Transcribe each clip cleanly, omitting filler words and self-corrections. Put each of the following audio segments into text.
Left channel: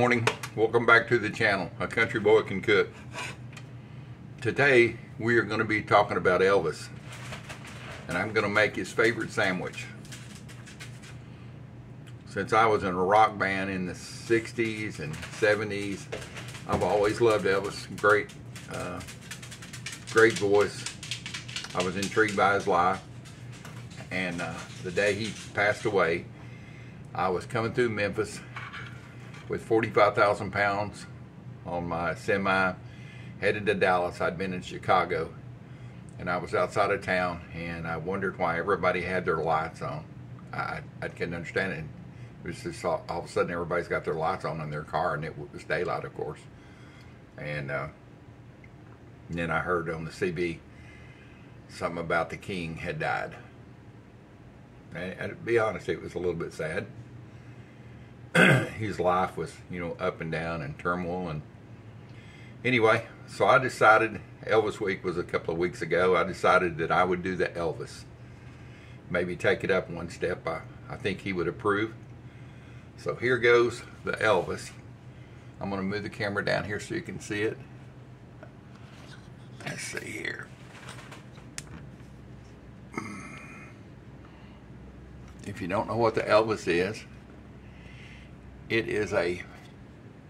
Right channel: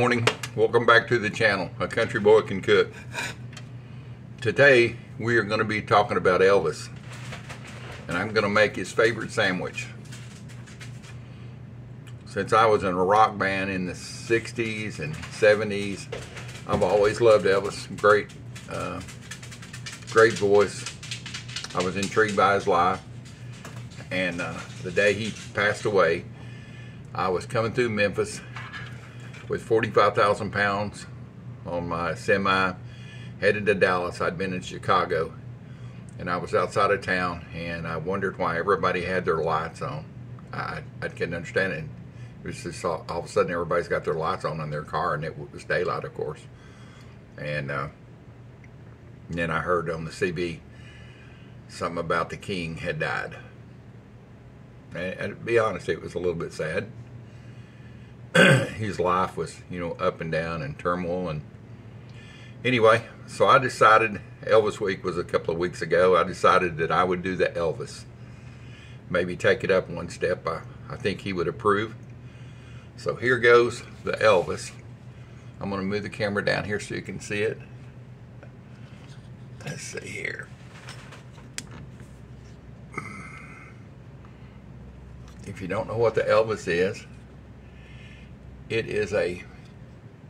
morning. Welcome back to the channel. A country boy can cook. Today we are going to be talking about Elvis, and I'm going to make his favorite sandwich. Since I was in a rock band in the 60s and 70s, I've always loved Elvis. Great voice. I was intrigued by his life, and the day he passed away, I was coming through Memphis with 45,000 pounds on my semi, headed to Dallas. I'd been in Chicago, and I was outside of town, and I wondered why everybody had their lights on. I couldn't understand it. It was just all of a sudden everybody's got their lights on in their car, and it was daylight, of course. And then I heard on the CB something about the king had died. And to be honest, it was a little bit sad. His life was, up and down and turmoil. And anyway, so I decided, Elvis Week was a couple of weeks ago, I decided that I would do the Elvis. Maybe take it up one step. I think he would approve. So here goes the Elvis. I'm going to move the camera down here so you can see it. Let's see here. If you don't know what the Elvis is, it is a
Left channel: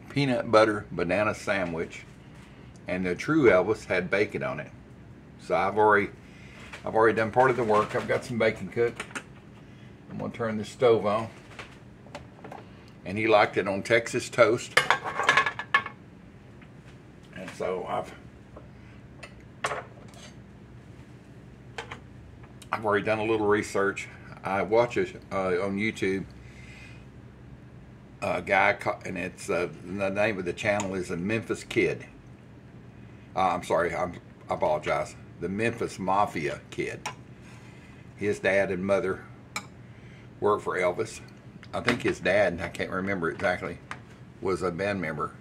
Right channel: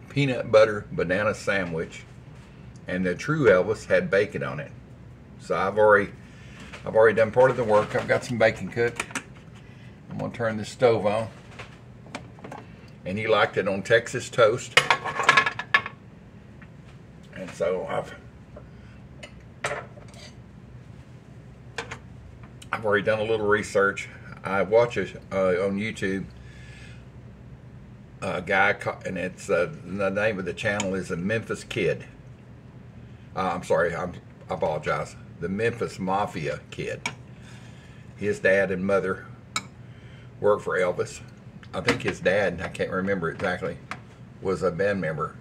peanut butter banana sandwich, and the true Elvis had bacon on it. So I've already done part of the work. I've got some bacon cooked. I'm gonna turn the stove on, and he liked it on Texas toast, and so I've already done a little research. I watch it on YouTube. A guy, and it's the name of the channel is the Memphis Kid. I'm sorry, I apologize. The Memphis Mafia Kid. His dad and mother worked for Elvis. I think his dad, I can't remember exactly, was a band member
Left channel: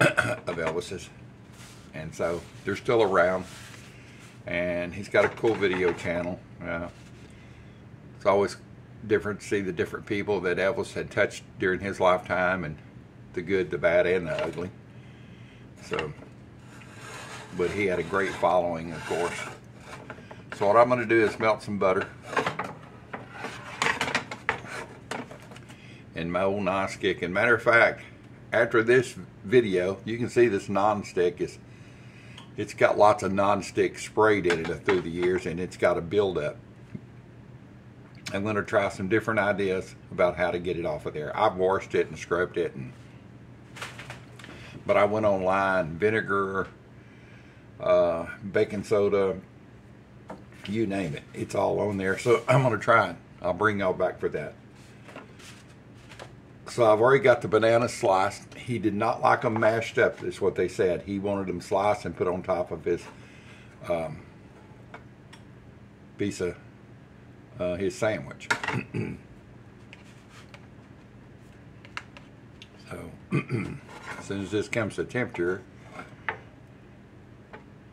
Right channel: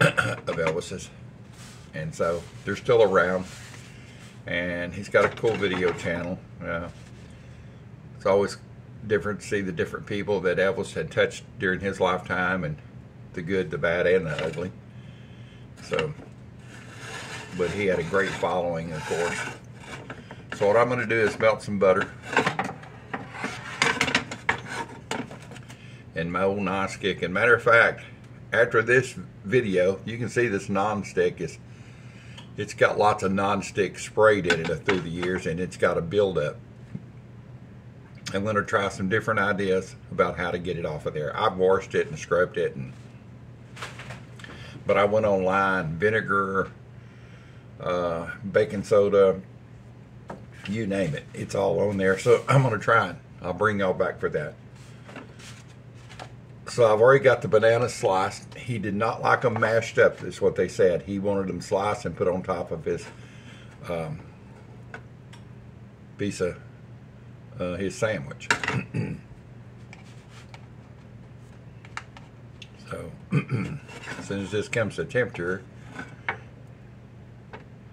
of Elvis's, and so they're still around. And he's got a cool video channel. It's always different to see the different people that Elvis had touched during his lifetime, and the good, the bad, and the ugly. So, but he had a great following, of course. So what I'm going to do is melt some butter in my old non-stick. And matter of fact, after this video, you can see this non-stick it's got lots of non-stick sprayed in it through the years, and it's got a buildup. I'm going to try some different ideas about how to get it off of there. I've washed it and scrubbed it, but I went online, vinegar, baking soda, you name it. It's all on there, so I'm going to try it. I'll bring y'all back for that. So I've already got the bananas sliced. He did not like them mashed up, is what they said. He wanted them sliced and put on top of his piece of his sandwich. So as soon as this comes to temperature,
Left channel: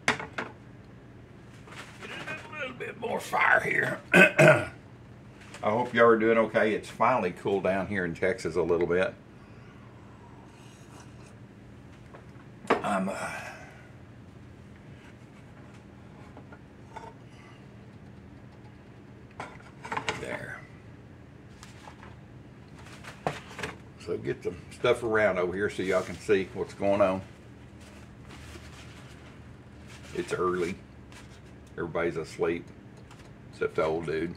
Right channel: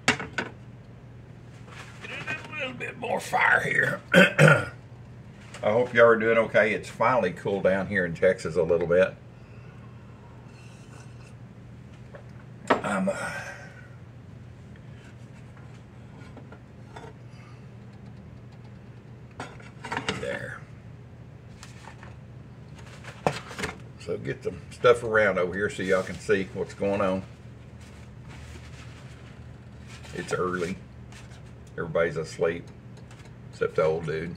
get a little bit more fire here. I hope y'all are doing okay. It's finally cooled down here in Texas a little bit. There. So get some stuff around over here so y'all can see what's going on. It's early. Everybody's asleep, except the old dude.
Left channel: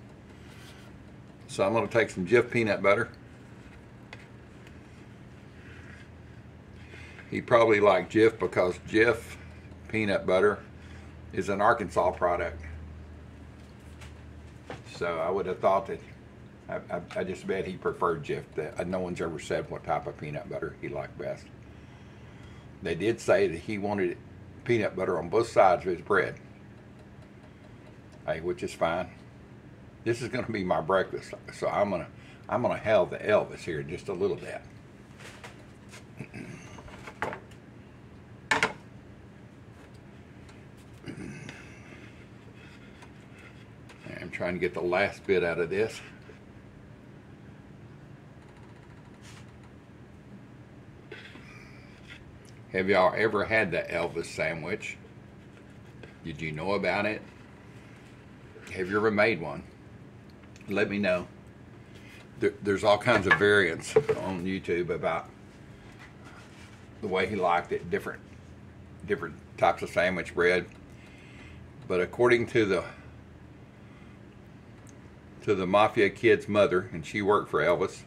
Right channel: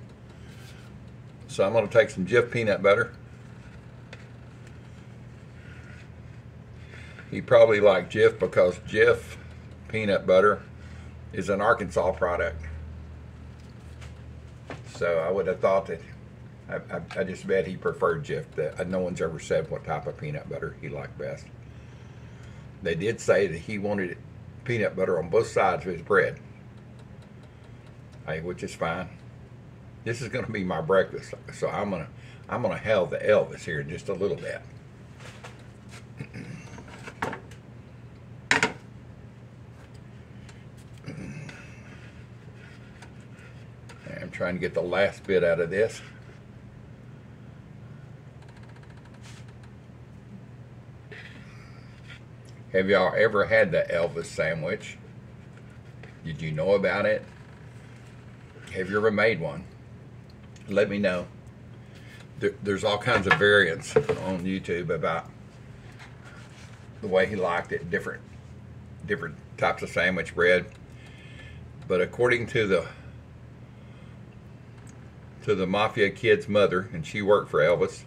So I'm going to take some Jif peanut butter. He probably liked Jif because Jif peanut butter is an Arkansas product. So I would have thought that, I just bet he preferred Jif. No one's ever said what type of peanut butter he liked best. They did say that he wanted peanut butter on both sides of his bread, which is fine. This is going to be my breakfast, so I'm gonna have the Elvis here in just a little bit. I'm trying to get the last bit out of this. Have y'all ever had the Elvis sandwich? Did you know about it? Have you ever made one? Let me know. There's all kinds of variants on YouTube about the way he liked it, different types of sandwich bread. But according to the Mafia kid's mother, and she worked for Elvis,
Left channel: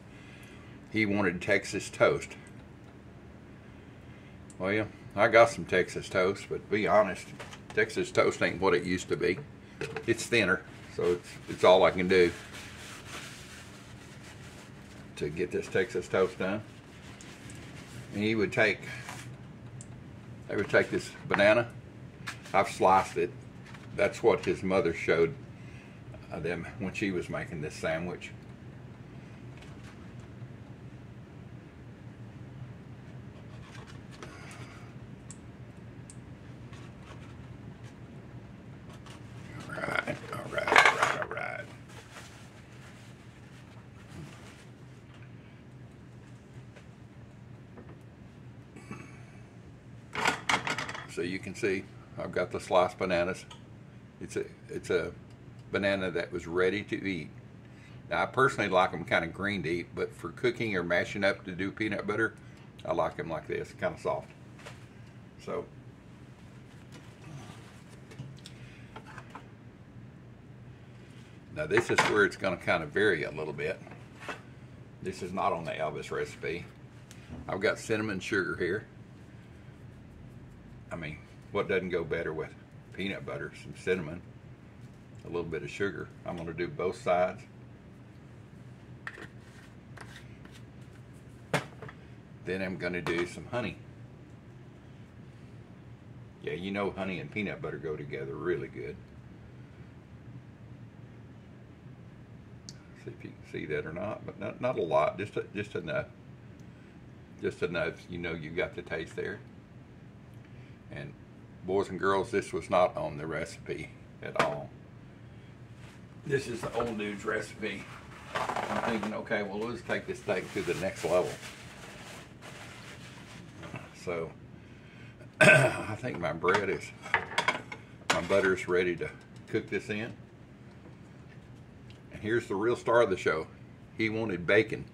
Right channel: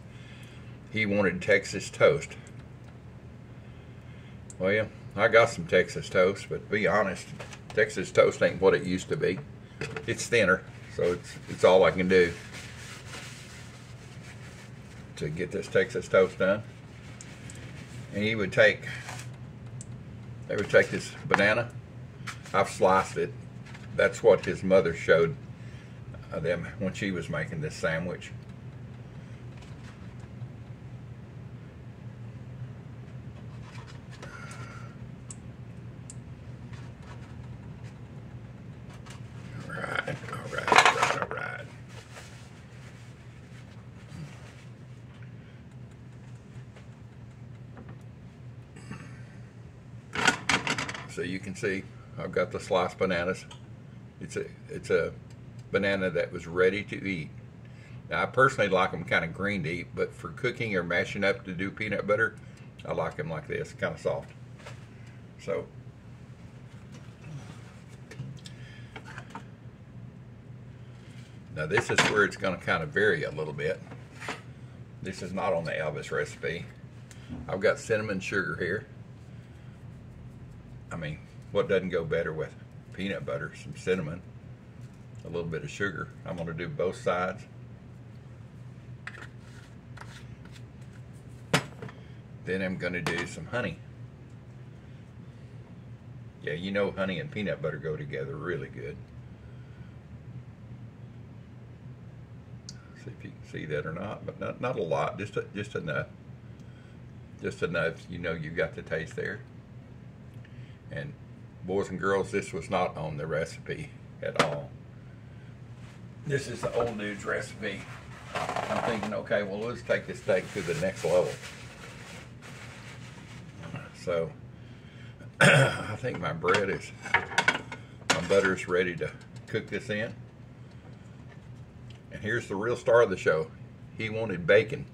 he wanted Texas toast. Well, I got some Texas toast, but to be honest, Texas toast ain't what it used to be. It's thinner, so it's all I can do to get this Texas toast done. And they would take this banana. I've sliced it. That's what his mother showed them when she was making this sandwich. All right. So you can see I've got the sliced bananas. It's a banana that was ready to eat. Now I personally like them kind of green to eat, but for cooking or mashing up to do peanut butter, I like them like this, kind of soft. So now this is where it's going to kind of vary a little bit. This is not on the Elvis recipe. I've got cinnamon sugar here. I mean, what doesn't go better with peanut butter, some cinnamon, a little bit of sugar. I'm going to do both sides. Then I'm going to do some honey. Yeah, you know honey and peanut butter go together really good. See if you can see that or not, but not a lot, just enough. Just enough, you know you got the taste there. And boys and girls, this was not on the recipe at all. This is the old dude's recipe. I'm thinking, okay, well, let's take this steak to the next level. So, I think my butter is ready to cook this in. And here's the real star of the show. He wanted bacon.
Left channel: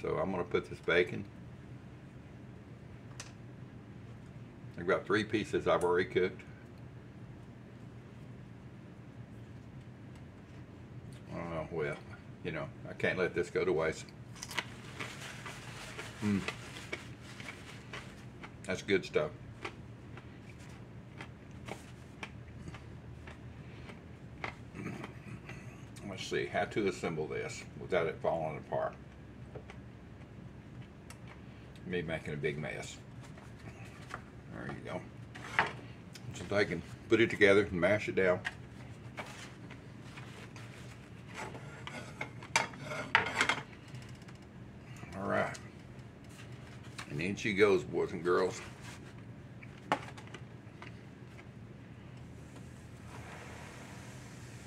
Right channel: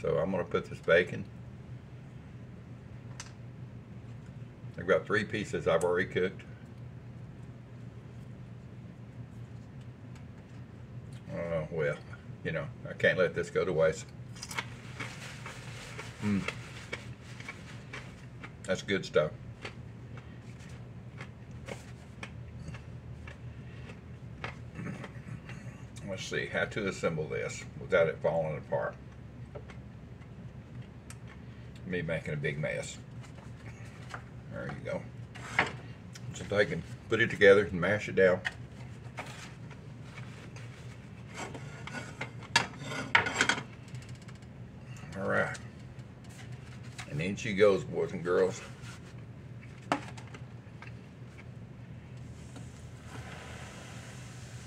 So I'm going to put this bacon. I've got 3 pieces I've already cooked. Well, you know, I can't let this go to waste. That's good stuff. Let's see how to assemble this without it falling apart. Me making a big mess. There you go. So I can put it together and mash it down. All right. And in she goes, boys and girls.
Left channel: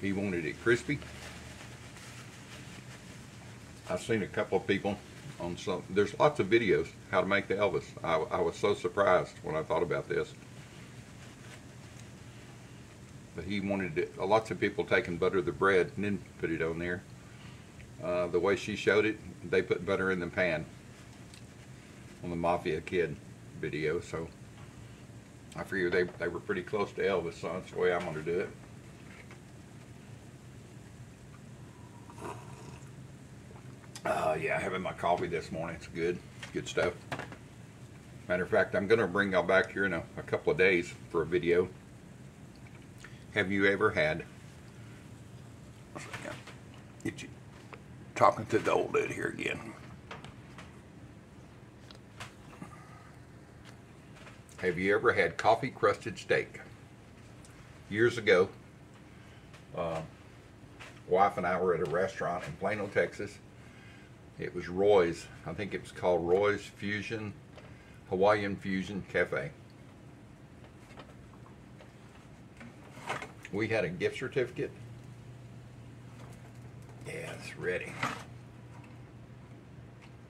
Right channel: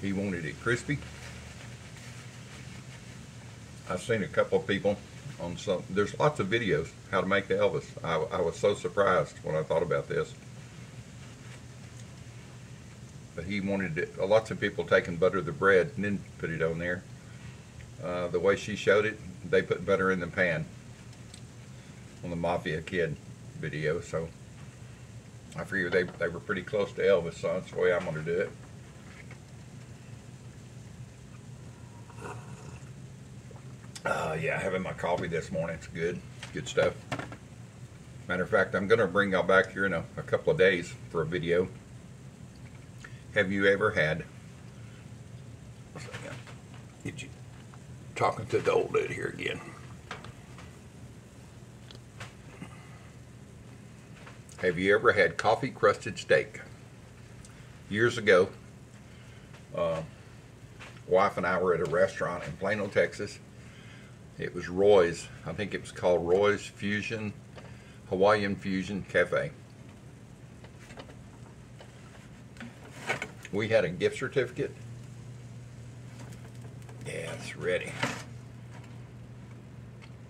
He wanted it crispy. I've seen a couple of people on some, there's lots of videos how to make the Elvis. I was so surprised when I thought about this. But he wanted it, lots of people take and butter the bread and then put it on there. The way she showed it, they put butter in the pan on the Mafia Kid video, so I figured they were pretty close to Elvis, so that's the way I'm going to do it. Yeah, having my coffee this morning, it's good stuff. Matter of fact, I'm going to bring y'all back here in a couple of days for a video. Have you ever had, get you talking to the old dude here again. Have you ever had coffee crusted steak? Years ago, wife and I were at a restaurant in Plano, Texas. It was Roy's, I think it was called Roy's Fusion, Hawaiian Fusion Cafe. We had a gift certificate. Yeah, it's ready.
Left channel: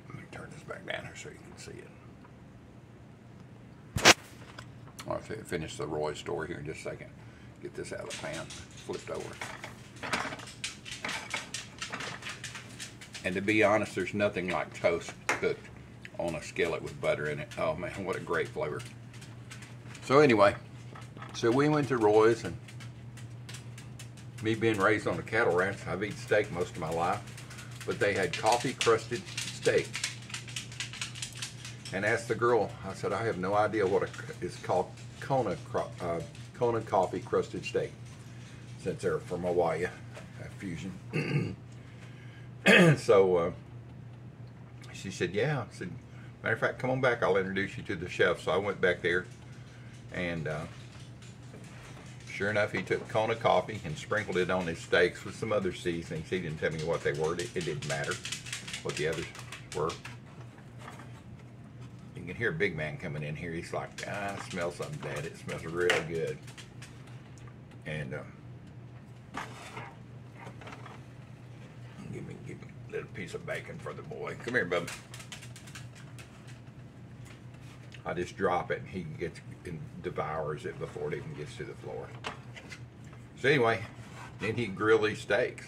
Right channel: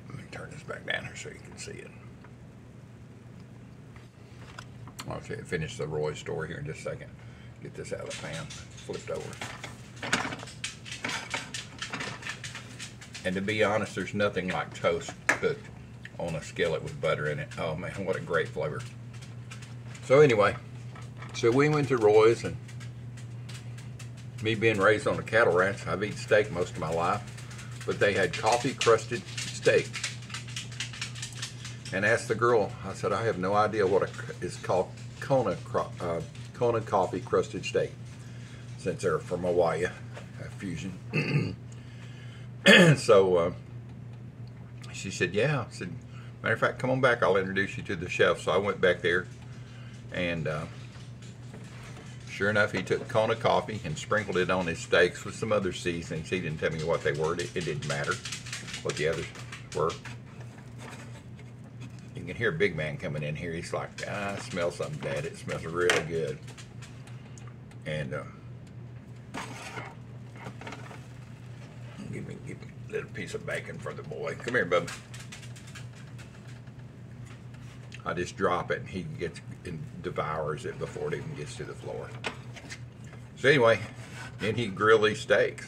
Let me turn this back down here so you can see it. I'll finish the Roy story here in just a second. Get this out of the pan, flipped over. And to be honest, there's nothing like toast cooked on a skillet with butter in it. Oh man, what a great flavor. So anyway, so we went to Roy's, and me being raised on a cattle ranch, I've eaten steak most of my life, but they had coffee crusted steak. And asked the girl, I said, I have no idea what it's called, Kona coffee crusted steak, since they're from Hawaii, fusion. So she said, yeah. I said, matter of fact, come on back, I'll introduce you to the chef. So I went back there, and sure enough, he took Kona coffee and sprinkled it on his steaks with some other seasonings. He didn't tell me what they were. It didn't matter what the others were. You can hear Big Man coming in here. He's like, I smell something, Dad. It smells really good. And give me a little piece of bacon for the boy. Come here, bub. I just drop it, and he gets and devours it before it even gets to the floor. So anyway, then he grilled these steaks.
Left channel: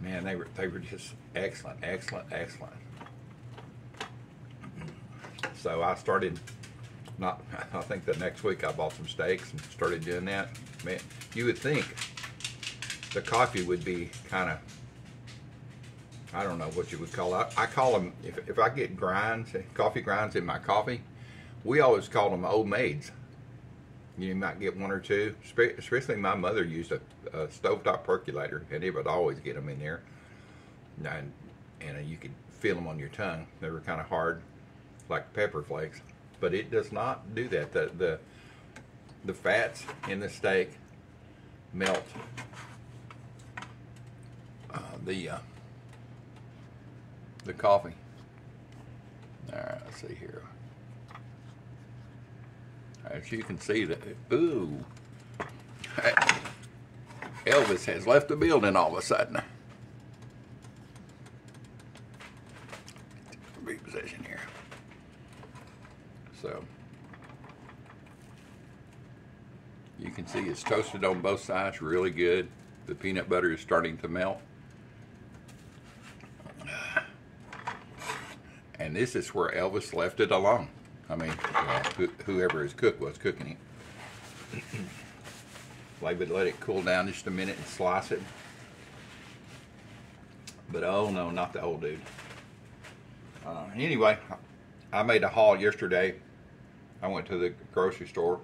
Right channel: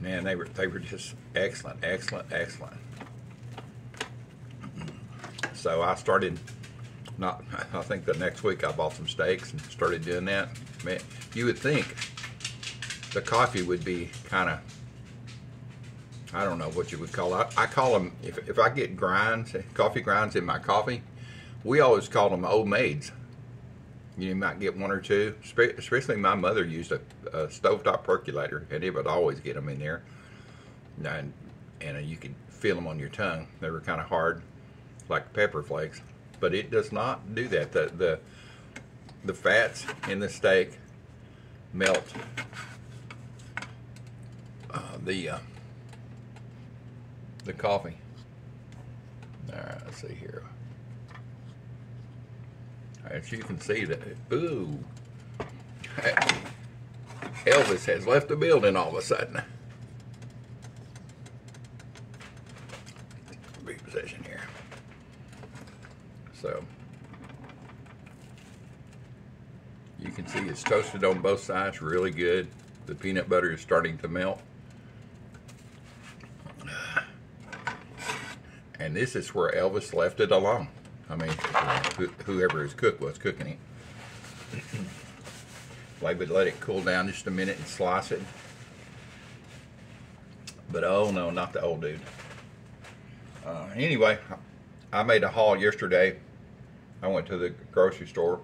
Man, they were just excellent, excellent, excellent. So I started, I think the next week I bought some steaks and started doing that. Man, you would think the coffee would be kind of, I don't know what you would call it. I call them, if I get grinds, coffee grinds in my coffee, we always call them old maids. You might get one or two, especially my mother used a stovetop percolator, and it would always get them in there. And you could feel them on your tongue. They were kind of hard, like pepper flakes, but it does not do that. The fats in the steak melt the coffee. All right, let's see here. As you can see, that ooh, Elvis has left the building all of a sudden. Reposition here. So you can see it's toasted on both sides, really good. The peanut butter is starting to melt. And this is where Elvis left it alone. I mean, whoever his cook was cooking it. They would let it cool down just a minute and slice it. But oh no, not the old dude. Anyway, I made a haul yesterday. I went to the grocery store.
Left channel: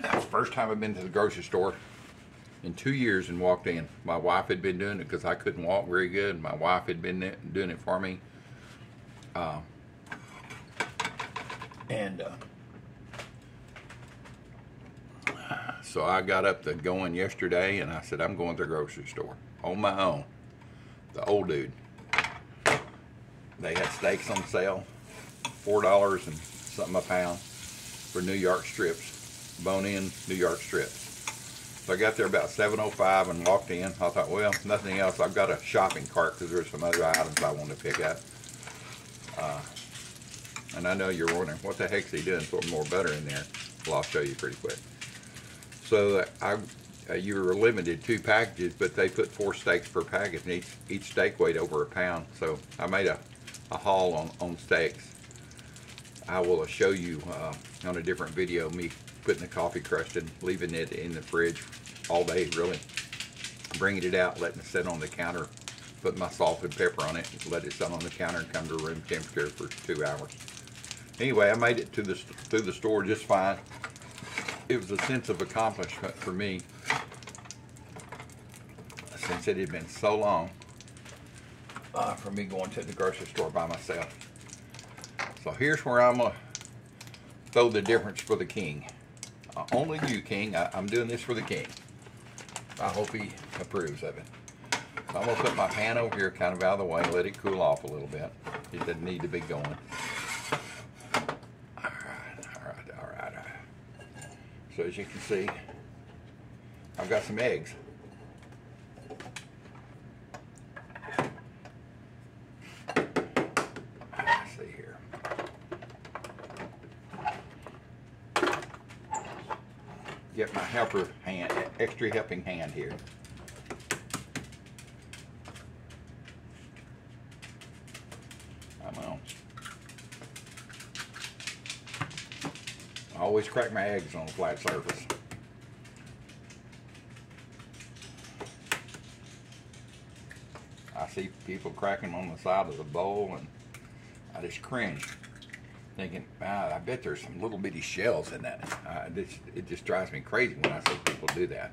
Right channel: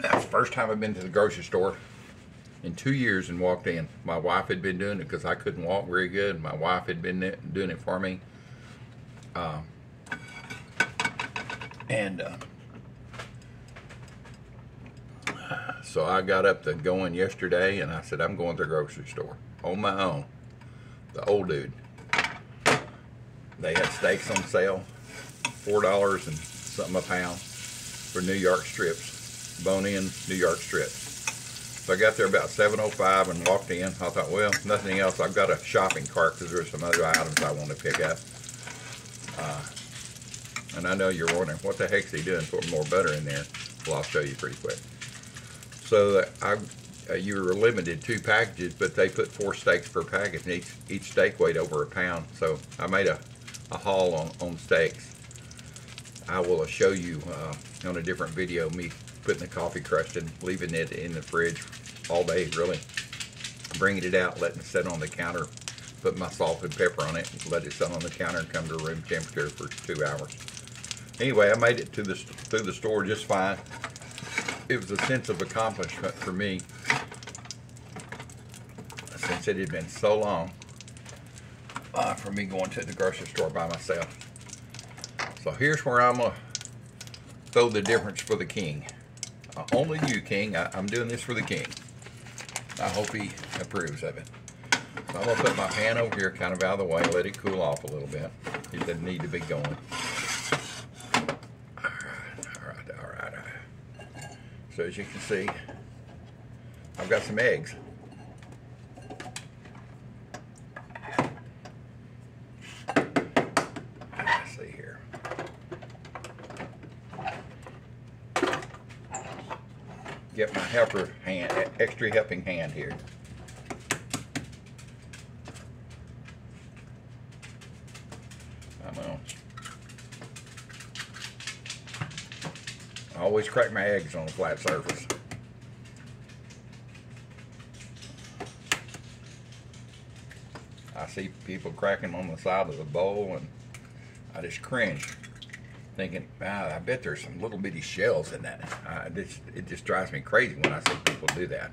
That's the first time I've been to the grocery store in 2 years and walked in. My wife had been doing it because I couldn't walk very good. My wife had been doing it for me. So I got up to going yesterday, and I said, I'm going to the grocery store on my own. The old dude. They had steaks on sale, $4 and something a pound for New York strips, bone-in New York strips. So I got there about 7:05 and walked in. I thought, well, nothing else. I've got a shopping cart because there's some other items I want to pick up. And I know you're wondering, what the heck's he doing putting more butter in there? Well, I'll show you pretty quick. So you were limited 2 packages, but they put 4 steaks per package, and each steak weighed over a pound. So I made a haul on steaks. I will show you on a different video me putting the coffee crust and leaving it in the fridge all day, really. Bringing it out, letting it sit on the counter, putting my salt and pepper on it, and let it sit on the counter and come to room temperature for 2 hours. Anyway, I made it through the store just fine. It was a sense of accomplishment for me, since it had been so long for me going to the grocery store by myself. So here's where I'm going to throw the difference for the king. Only you, King. I'm doing this for the king. I hope he approves of it. So I'm going to put my pan over here kind of out of the way, let it cool off a little bit. It doesn't need to be going. All right. So as you can see, I've got some eggs. Let's see here. get my helper hand, extra helping hand here. Come on. I always crack my eggs on a flat surface. I see people cracking them on the side of the bowl, and I just cringe, thinking, wow, I bet there's some little bitty shells in that. It just drives me crazy when I see people do that.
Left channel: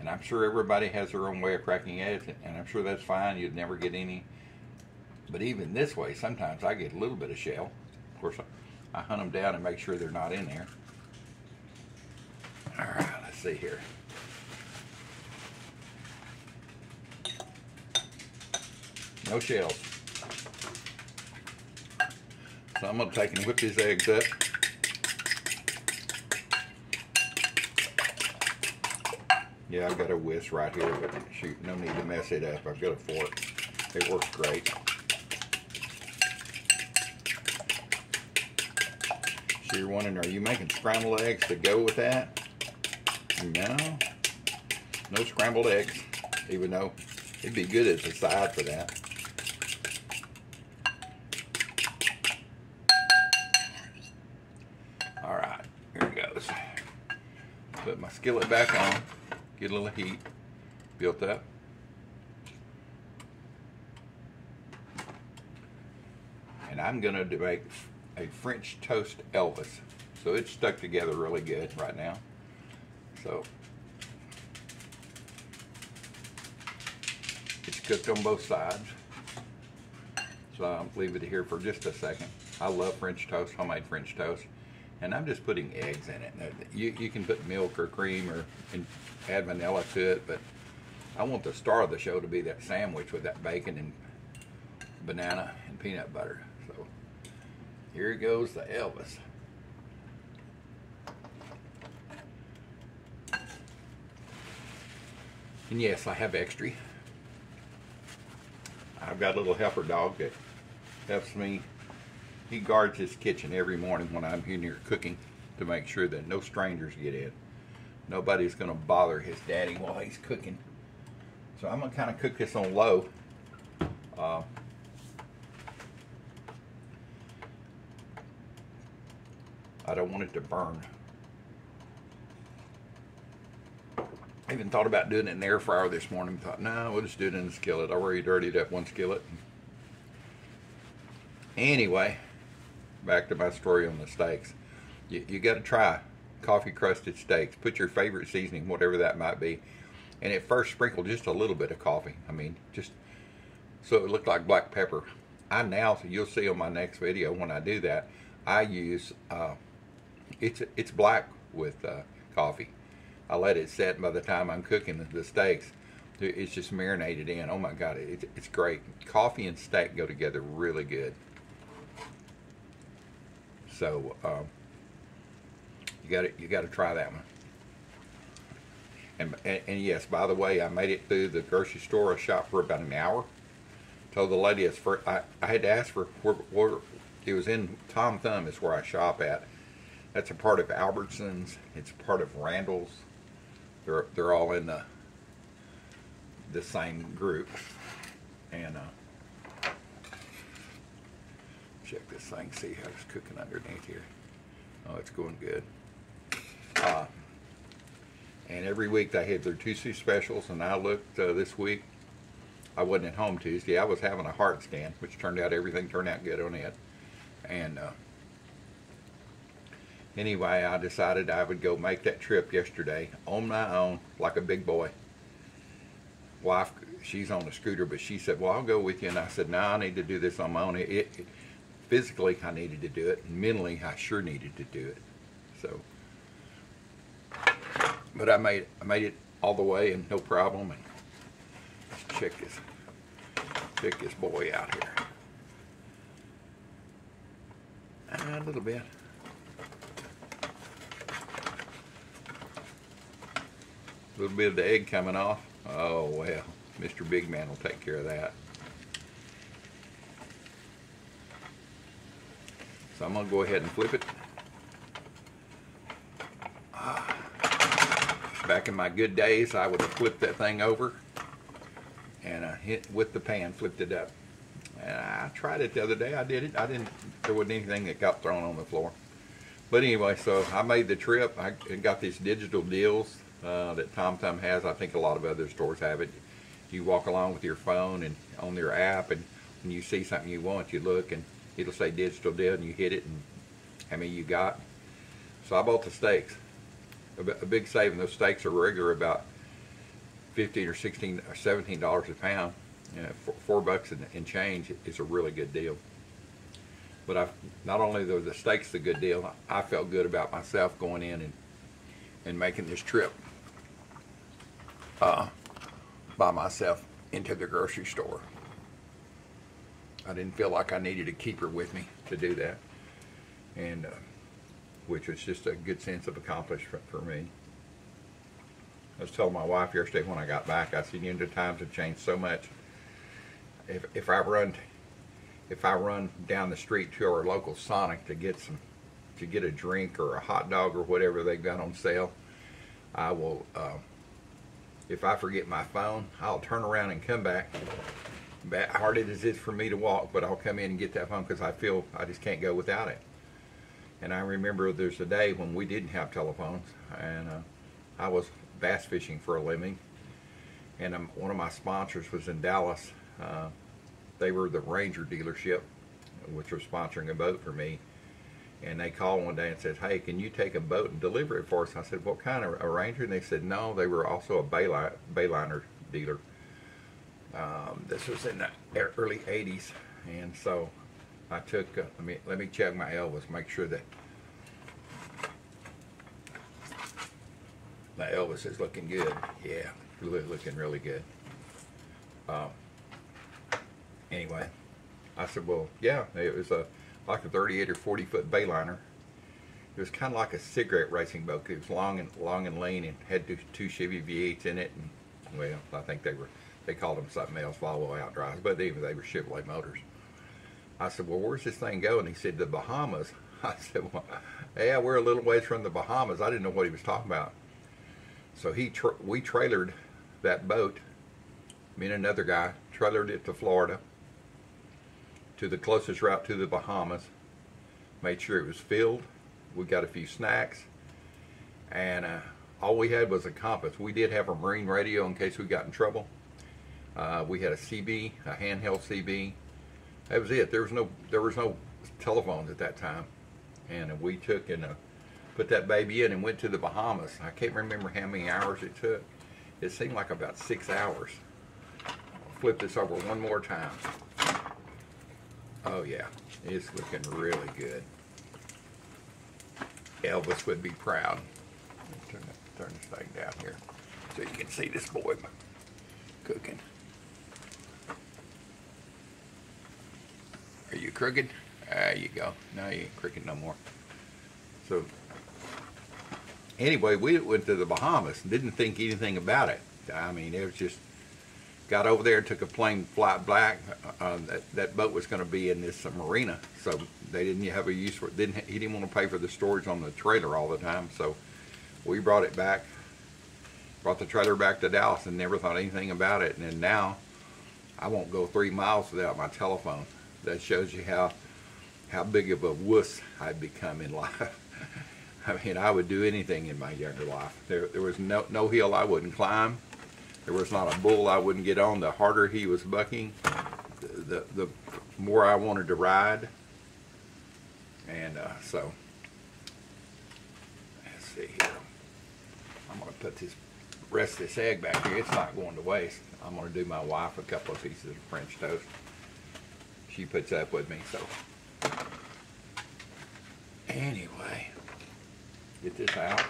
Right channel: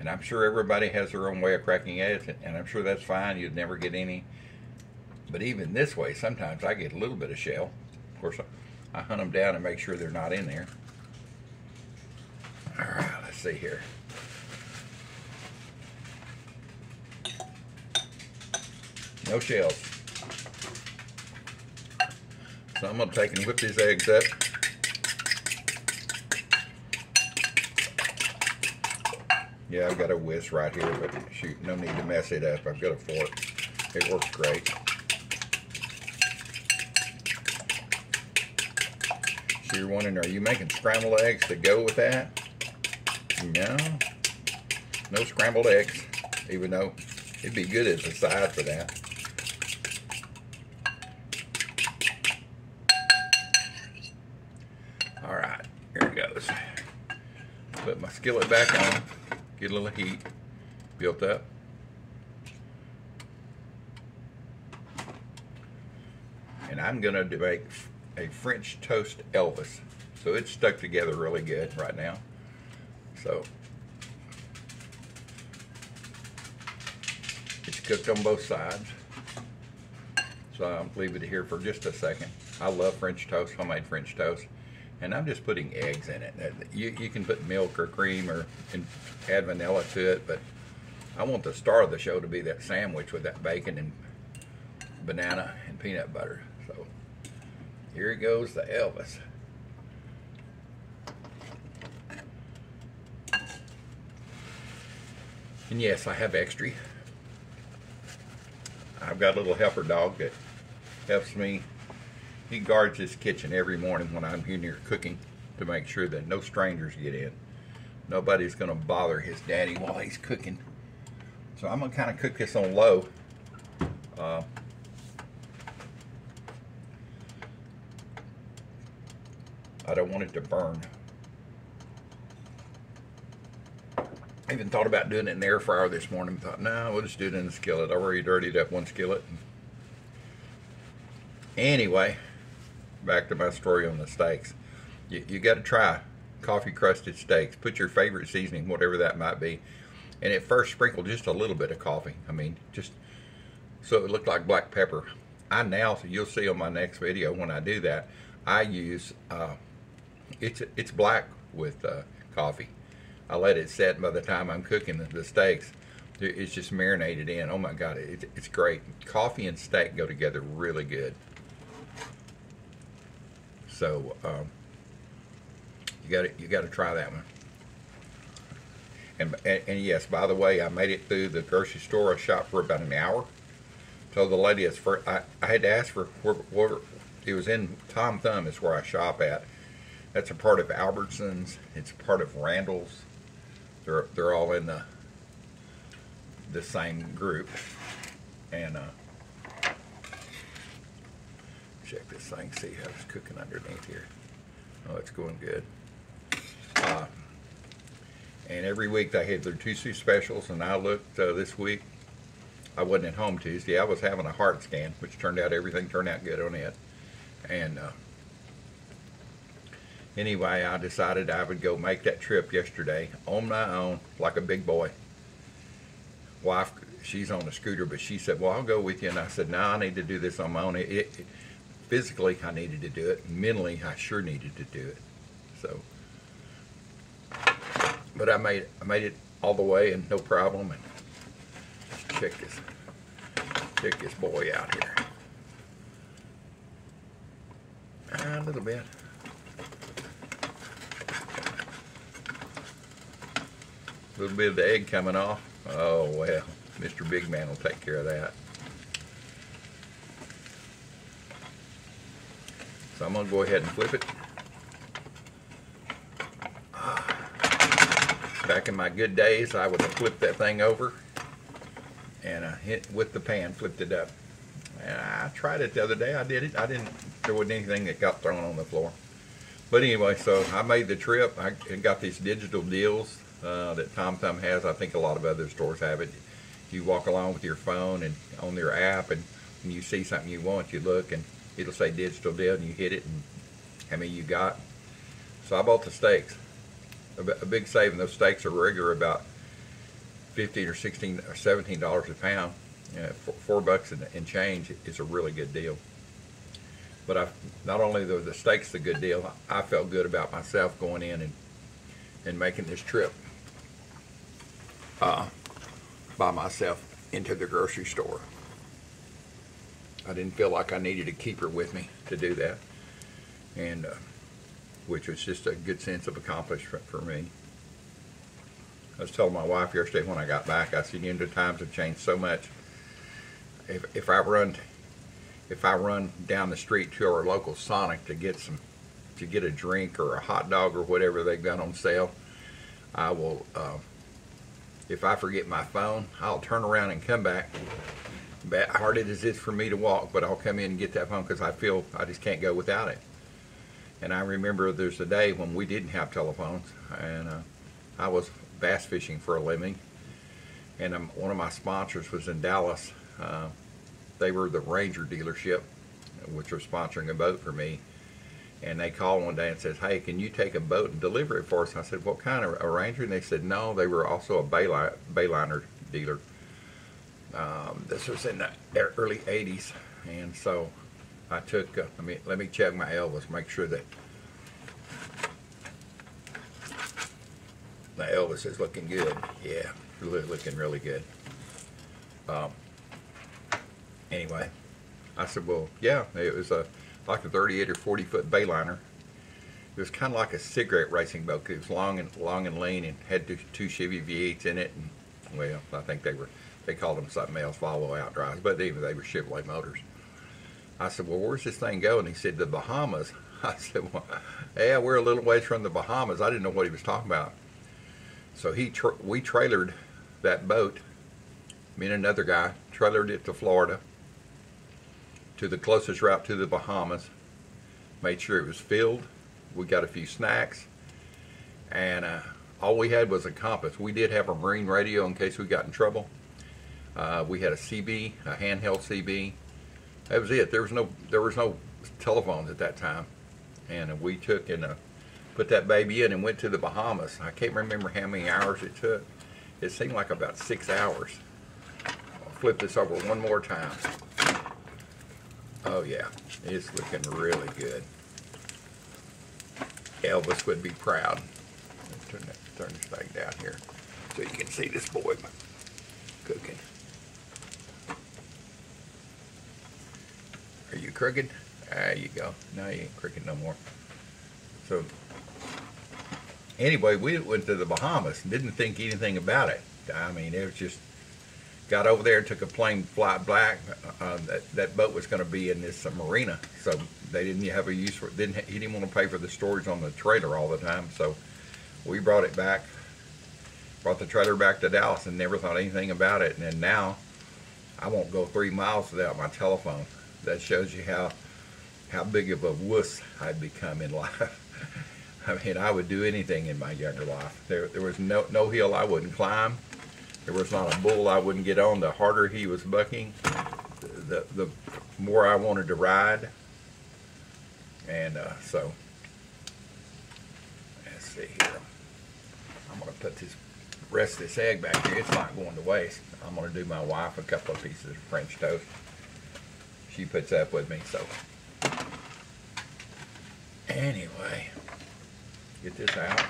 And I'm sure everybody has their own way of cracking eggs, and I'm sure that's fine. You'd never get any. But even this way, sometimes I get a little bit of shell. Of course, I hunt them down and make sure they're not in there. All right, let's see here. No shells. So I'm going to take and whip these eggs up. Yeah, I've got a whisk right here, but shoot, no need to mess it up. I've got a fork. It works great. So you're wondering, are you making scrambled eggs to go with that? No. No scrambled eggs, even though it'd be good as a side for that. All right, here it goes. Put my skillet back on, get a little heat built up. And I'm gonna make a French toast Elvis. So it's stuck together really good right now. So it's cooked on both sides. So I'll leave it here for just a second. I love French toast, homemade French toast. And I'm just putting eggs in it. You can put milk or cream or add vanilla to it, but I want the star of the show to be that sandwich with that bacon and banana and peanut butter. So here goes the Elvis. And yes, I have extra. I've got a little helper dog that helps me. He guards his kitchen every morning when I'm here cooking to make sure that no strangers get in. Nobody's going to bother his daddy while he's cooking. So I'm going to kind of cook this on low. I don't want it to burn. I even thought about doing it in the air fryer this morning. Thought, no, we'll just do it in the skillet. I already dirtied up one skillet. Anyway, back to my story on the steaks. You got to try coffee crusted steaks. Put your favorite seasoning, whatever that might be, and at first sprinkle just a little bit of coffee. I mean, just so it looked like black pepper. I now, so you'll see on my next video when I do that, I use it's black with coffee. I let it set. By the time I'm cooking the steaks, it's just marinated in. Oh my God, it's great. Coffee and steak go together really good. So you got to try that one. And yes, by the way, I made it through the grocery store. I shopped for about an hour. Told the lady I had to ask for where it was in Tom Thumb is where I shop at. That's a part of Albertsons. It's a part of Randall's. They're all in the same group. And check this thing, see how it's cooking underneath here. Oh, it's going good. And every week they had their Tuesday specials, and I looked this week. I wasn't at home Tuesday. I was having a heart scan, which turned out everything turned out good on it. And anyway, I decided I would go make that trip yesterday on my own, like a big boy. Wife, she's on the scooter, but she said, well, I'll go with you. And I said, no, I need to do this on my own. Physically, I needed to do it. Mentally, I sure needed to do it. So, but I made it all the way and no problem. And check this boy out here. A little bit. A little bit of the egg coming off. Oh well, Mr. Big Man will take care of that. So I'm gonna go ahead and flip it. back in my good days, I would have flipped that thing over and hit with the pan, flipped it up. And I tried it the other day. I did it. There wasn't anything that got thrown on the floor. But anyway, so I made the trip. I got these digital deals that TomTom has. I think a lot of other stores have it. You walk along with your phone and on your app, and when you see something you want, you look and it'll say digital deal, and you hit it, and how many you got. So I bought the steaks. A big saving. Those steaks are regular about $15 or $16 or $17 a pound. $4 and change is a really good deal. But not only the steaks the good deal, I felt good about myself going in and making this trip by myself into the grocery store. I didn't feel like I needed a keeper with me to do that, and which was just a good sense of accomplishment for me. I was telling my wife yesterday when I got back, I said, the times have changed so much. If I run down the street to our local Sonic to get a drink or a hot dog or whatever they've got on sale, I will. If I forget my phone, I'll turn around and come back. Hard as it is for me to walk, but I'll come in and get that phone because I feel I just can't go without it. And I remember there's a day when we didn't have telephones, and I was bass fishing for a living, and one of my sponsors was in Dallas. They were the Ranger dealership, which was sponsoring a boat for me. And they called one day and said, "Hey, can you take a boat and deliver it for us?" I said, "What kind of a Ranger?" And they said, "No, they were also a Bayliner dealer." This was in the early '80s, and so I took. Let me check my Elvis, make sure that my Elvis is looking good. Yeah, looking really good. Anyway, I said, well, yeah, it was like a 38 or 40 foot Bayliner. It was kind of like a cigarette racing boat. It was long and lean, and had two Chevy V8s in it. And well, I think they called them something else, Volvo outdrives, but even they were Chevrolet motors. I said, well, where's this thing going? He said, the Bahamas. I said, well, yeah, we're a little ways from the Bahamas. I didn't know what he was talking about. So we trailered that boat. Me and another guy trailered it to Florida, to the closest route to the Bahamas, made sure it was filled. We got a few snacks, and all we had was a compass. We did have a marine radio in case we got in trouble. We had a CB, a handheld CB. That was it. There was no telephones at that time, and we took and put that baby in and went to the Bahamas. I can't remember how many hours it took. It seemed like about 6 hours. I'll flip this over one more time. Oh yeah, it's looking really good. Elvis would be proud. Let's turn this thing down here so you can see this boy cooking. Are you crooked? There you go. Now you ain't crooked no more. So anyway, we went to the Bahamas and didn't think anything about it. I mean, it was just, got over there and took a plane flight back. That boat was going to be in this marina, so they didn't have a use for it. He didn't want to pay for the storage on the trailer all the time, so we brought it back, brought the trailer back to Dallas, and never thought anything about it. And then now, I won't go 3 miles without my telephone. That shows you how big of a wuss I'd become in life. I mean, I would do anything in my younger life. There was no hill I wouldn't climb. There was not a bull I wouldn't get on. The harder he was bucking, the more I wanted to ride. And so, let's see here. I'm going to put this rest of this egg back here. It's not going to waste. I'm going to do my wife a couple of pieces of French toast. She puts up with me, so. Anyway, get this out.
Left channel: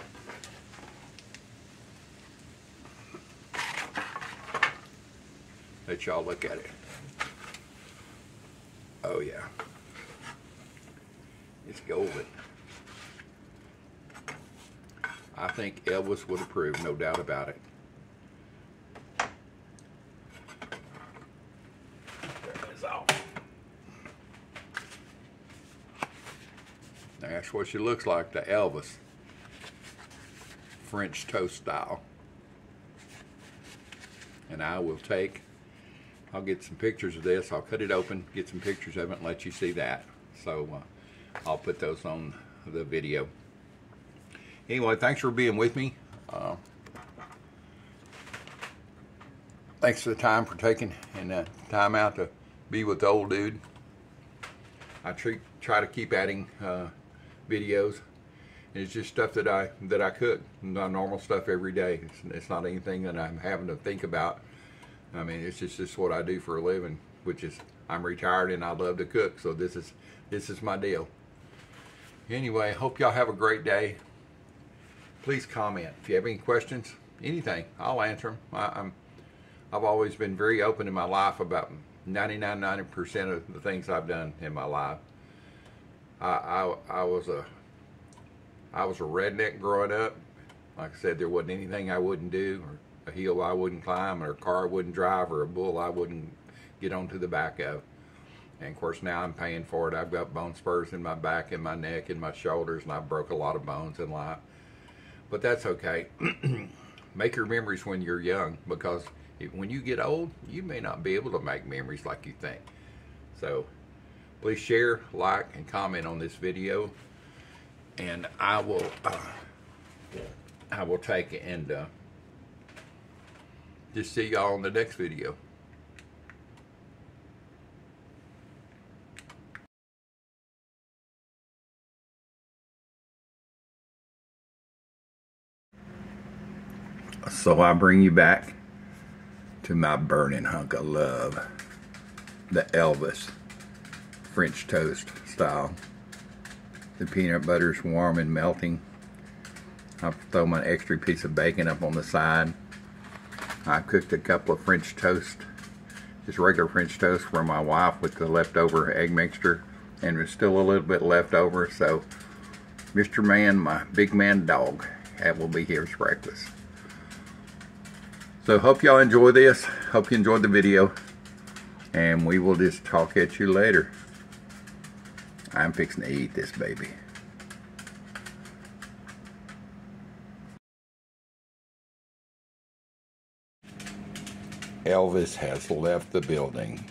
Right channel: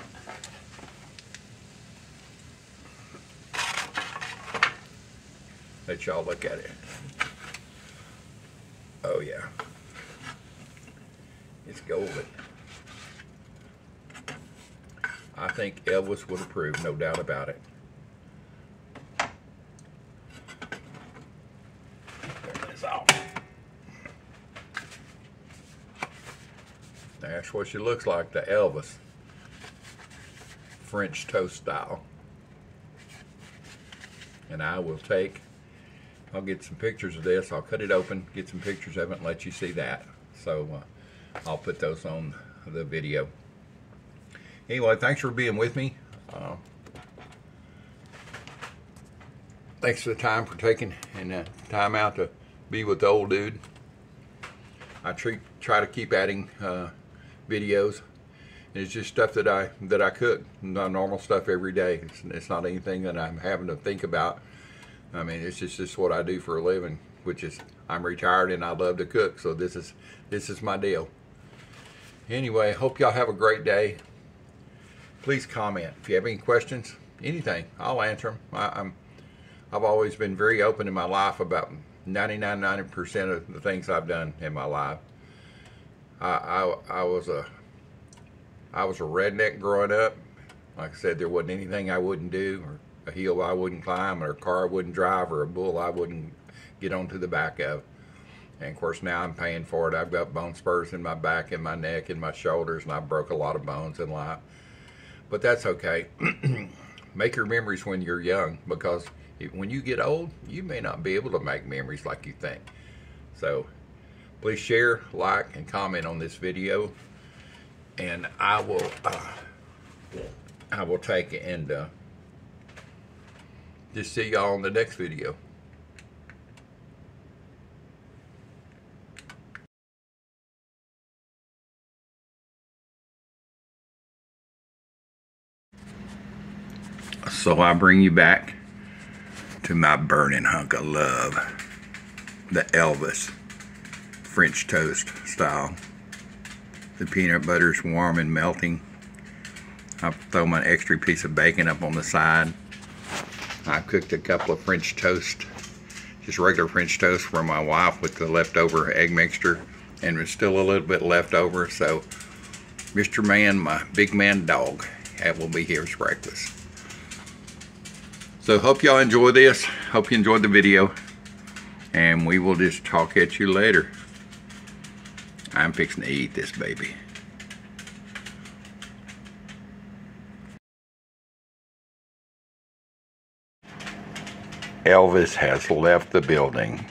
Let y'all look at it. Oh yeah, it's golden. I think Elvis would approve, no doubt about it. Turn this off. That's what she looks like, the Elvis French toast style. and I'll get some pictures of this. I'll cut it open, get some pictures of it, and let you see that. So I'll put those on the video. Anyway, thanks for being with me. Thanks for the time for taking and time out to be with the old dude. I try to keep adding videos. And it's just stuff that I cook, normal stuff every day. It's not anything that I'm having to think about. I mean, it's just what I do for a living, which is I'm retired and I love to cook. So this is my deal. Anyway, hope y'all have a great day. Please comment if you have any questions, anything. I'll answer them. I've always been very open in my life about 90% of the things I've done in my life. I was a redneck growing up. Like I said, there wasn't anything I wouldn't do, or a hill I wouldn't climb, or a car I wouldn't drive, or a bull I wouldn't get onto the back of. And of course now I'm paying for it. I've got bone spurs in my back and my neck and my shoulders, and I broke a lot of bones in life. But that's okay. Make your memories when you're young, because when you get old, you may not be able to make memories like you think. So please share, like, and comment on this video, and I will take it and just see y'all on the next video. So I bring you back to my burning hunk of love, the Elvis French toast style. The peanut butter's warm and melting. I throw my extra piece of bacon up on the side. I cooked a couple of French toast, just regular French toast for my wife with the leftover egg mixture, and there's still a little bit left over, so Mr. Man, my big man dog, that will be here for breakfast. So hope y'all enjoy this. Hope you enjoyed the video. And we will just talk at you later. I'm fixing to eat this baby. Elvis has left the building.